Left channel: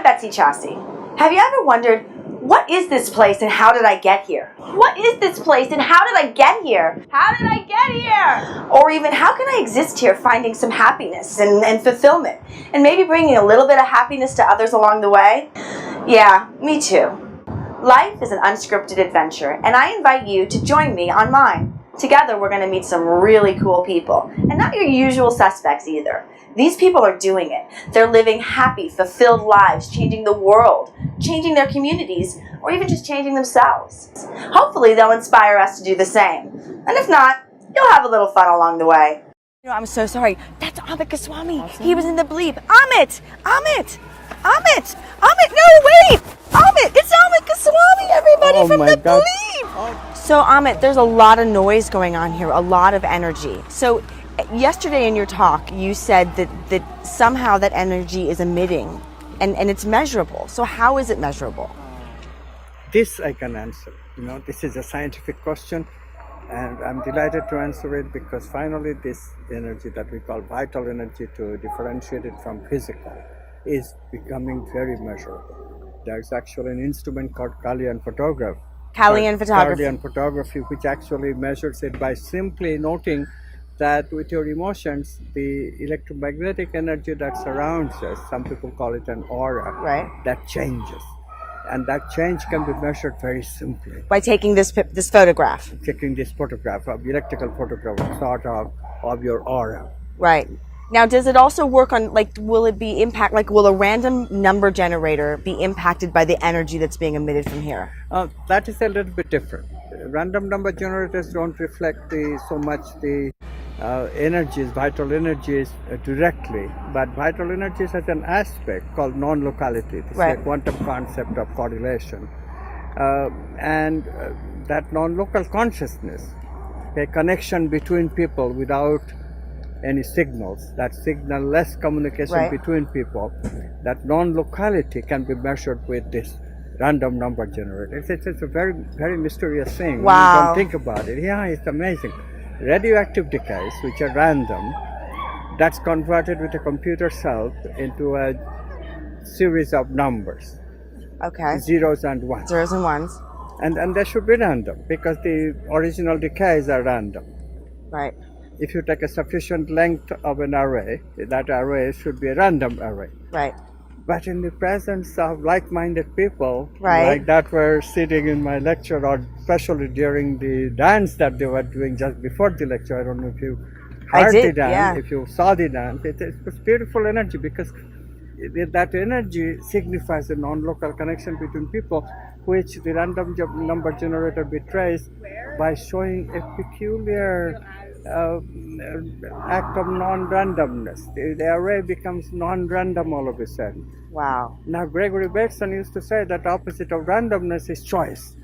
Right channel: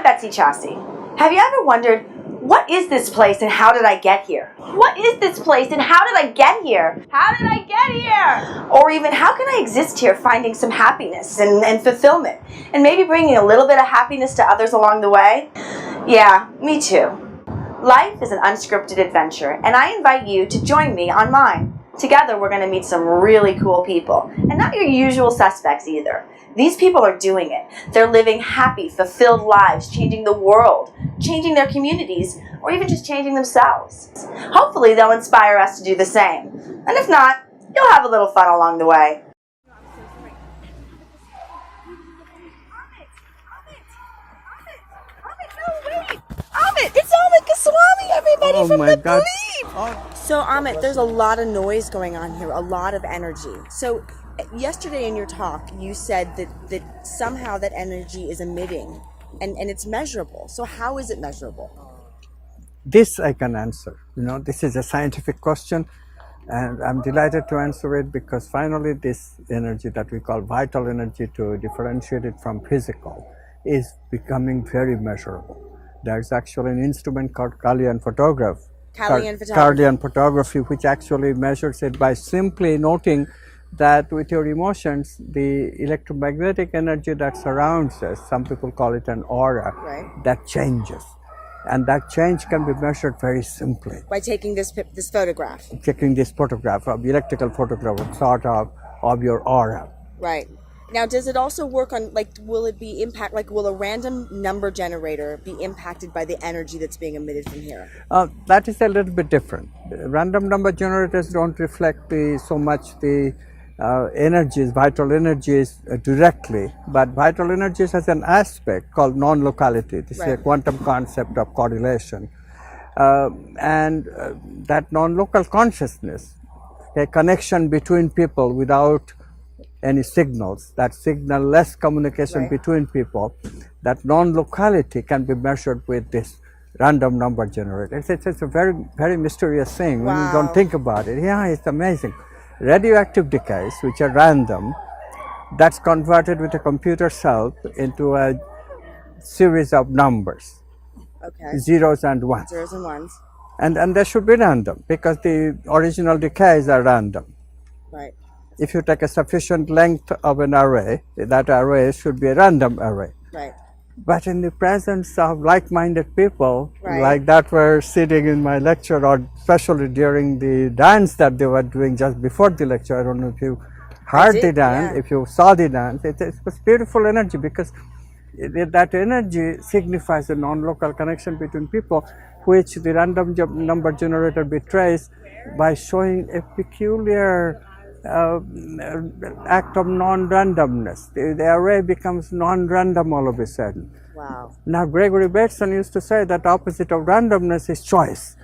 I'm Betsy Chasse. Have you ever wondered, what is this place and how did I get here? What is this place and how did I get here? How did I get here? Or even, how can I exist here finding some happiness and fulfillment? And maybe bringing a little bit of happiness to others along the way? Yeah, me too. Life is an unscripted adventure, and I invite you to join me on mine. Together, we're going to meet some really cool people, and not your usual suspects either. These people are doing it. They're living happy, fulfilled lives, changing the world, changing their communities, or even just changing themselves. Hopefully, they'll inspire us to do the same. And if not, you'll have a little fun along the way. I'm so sorry. That's Amit Goswami. Awesome. He was in the bleep. Amit! No, wait! Amit! It's Amit Goswami, everybody, from the bleep! So, Amit, there's a lot of noise going on here, a lot of energy. So, yesterday in your talk, you said that somehow that energy is emitting, and it's measurable. So how is it measurable? This I can answer. This is a scientific question, and I'm delighted to answer it because finally this energy that we call vital energy, to differentiate it from physical, is becoming very measurable. There's actually an instrument called Kalyana photography, which actually measures it by simply noting that with your emotions, the electromagnetic energy that surrounds us, some people call it an aura, right, that changes. And that change can be measured very simply. By taking this photograph? Taking this photograph, electrical photograph, sort of your aura. Right. Now, does it also work on, will a random number generator be impacted by the energy that's being emitted from here? That is a little bit different. Random number generators don't reflect so much the vital energies directly, but vital energies has an aspect called non-locality. This is a quantum concept of correlation. And that non-local consciousness, a connection between people without any signals, that signal-less communication between people, that non-locality can be measured with this random number generator. It's a very, very mysterious thing. Wow. When you don't think about it. Yeah, it's amazing. Radioactive decays, which are random, that's converted with a computer's help into a series of numbers. Okay. Zeros and ones. Zeros and ones. And they should be random because the original decays are random. Right. If you take a sufficient length of an array, that array should be a random array. Right. But in the presence of like-minded people, like that were sitting in my lecture, or especially during the dance that they were doing just before the lecture, I don't know if you heard the dance, if you saw the dance, it was beautiful energy because that energy signifies a non-local connection between people, which the random number generator betrays by showing a peculiar act of non-randomness. The array becomes non-random all of a sudden. Wow. Now, Gregory Betsy used to say that the opposite of randomness is choice.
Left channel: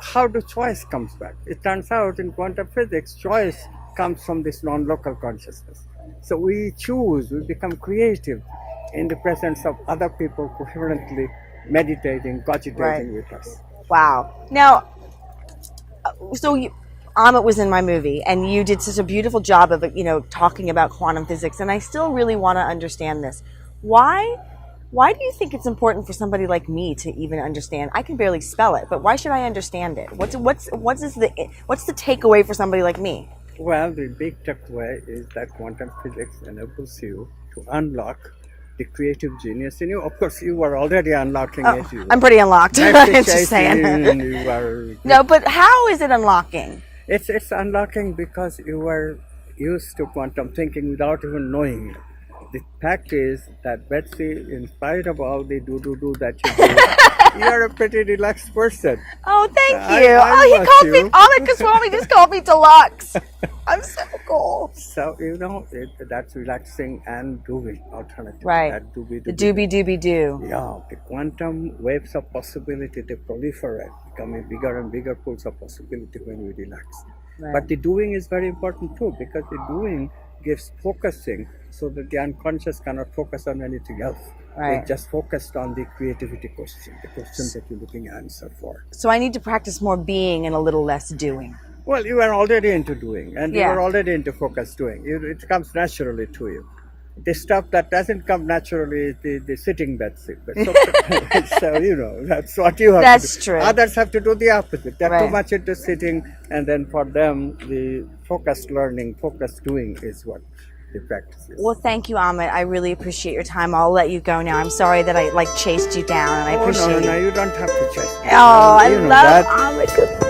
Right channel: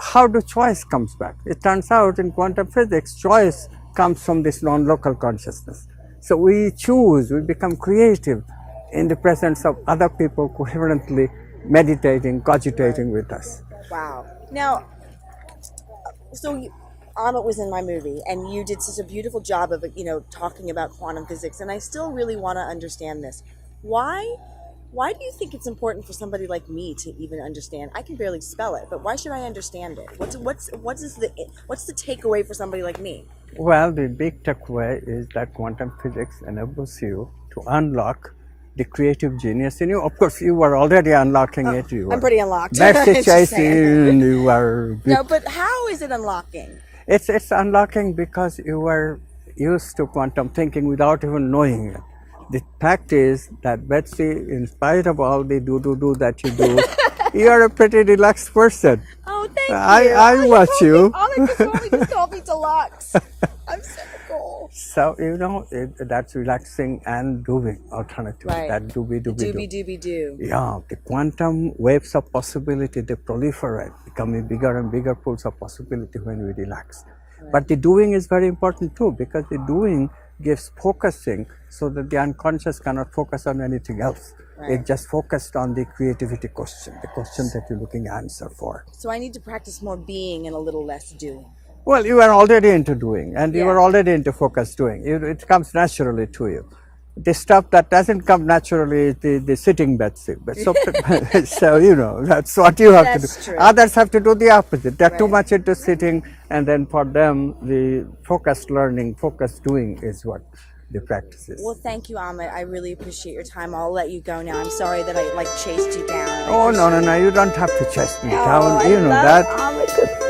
How do choice comes back? It turns out in quantum physics, choice comes from this non-local consciousness. So we choose, we become creative in the presence of other people coherently meditating, cogitating with us. Wow. Now, Amit was in my movie, and you did such a beautiful job of, talking about quantum physics, and I still really want to understand this. Why do you think it's important for somebody like me to even understand? I can barely spell it, but why should I understand it? What's the takeaway for somebody like me? Well, the big takeaway is that quantum physics enables you to unlock the creative genius in you. Of course, you were already unlocking it. I'm pretty unlocked. I'm just saying. You are. No, but how is it unlocking? It's unlocking because you were used to quantum thinking without even knowing it. The fact is that Betsy, in spite of all the do that you do, you're a pretty relaxed person. Oh, thank you. I watch you. Amit Goswami just called me deluxe. I'm so cool. So, that's relaxing and doing alternative. Right. That Doobie-dooby-doo. Yeah, the quantum waves of possibility, they proliferate, becoming bigger and bigger pools of possibility when we relax. Right. But the doing is very important too, because the doing gives focusing so that the unconscious cannot focus on anything else. Right. It just focused on the creativity question, the question that you're looking to answer for. So I need to practice more being and a little less doing. Well, you are already into doing, and you are already into focused doing. It comes naturally to you. the stuff that doesn't come naturally is the sitting Betsy. But so you know, that's what you have to do. That's true. Others have to do the opposite. They're too Right. much into sitting, and then for them, the focused learning, focused doing is what the practice is. Well, thank you, Amit. I really appreciate your time. I'll let you go now. I'm sorry that I chased you down. And I Oh, appreciate no, it. you don't have to chase me Oh, down. I You know love that. Amit.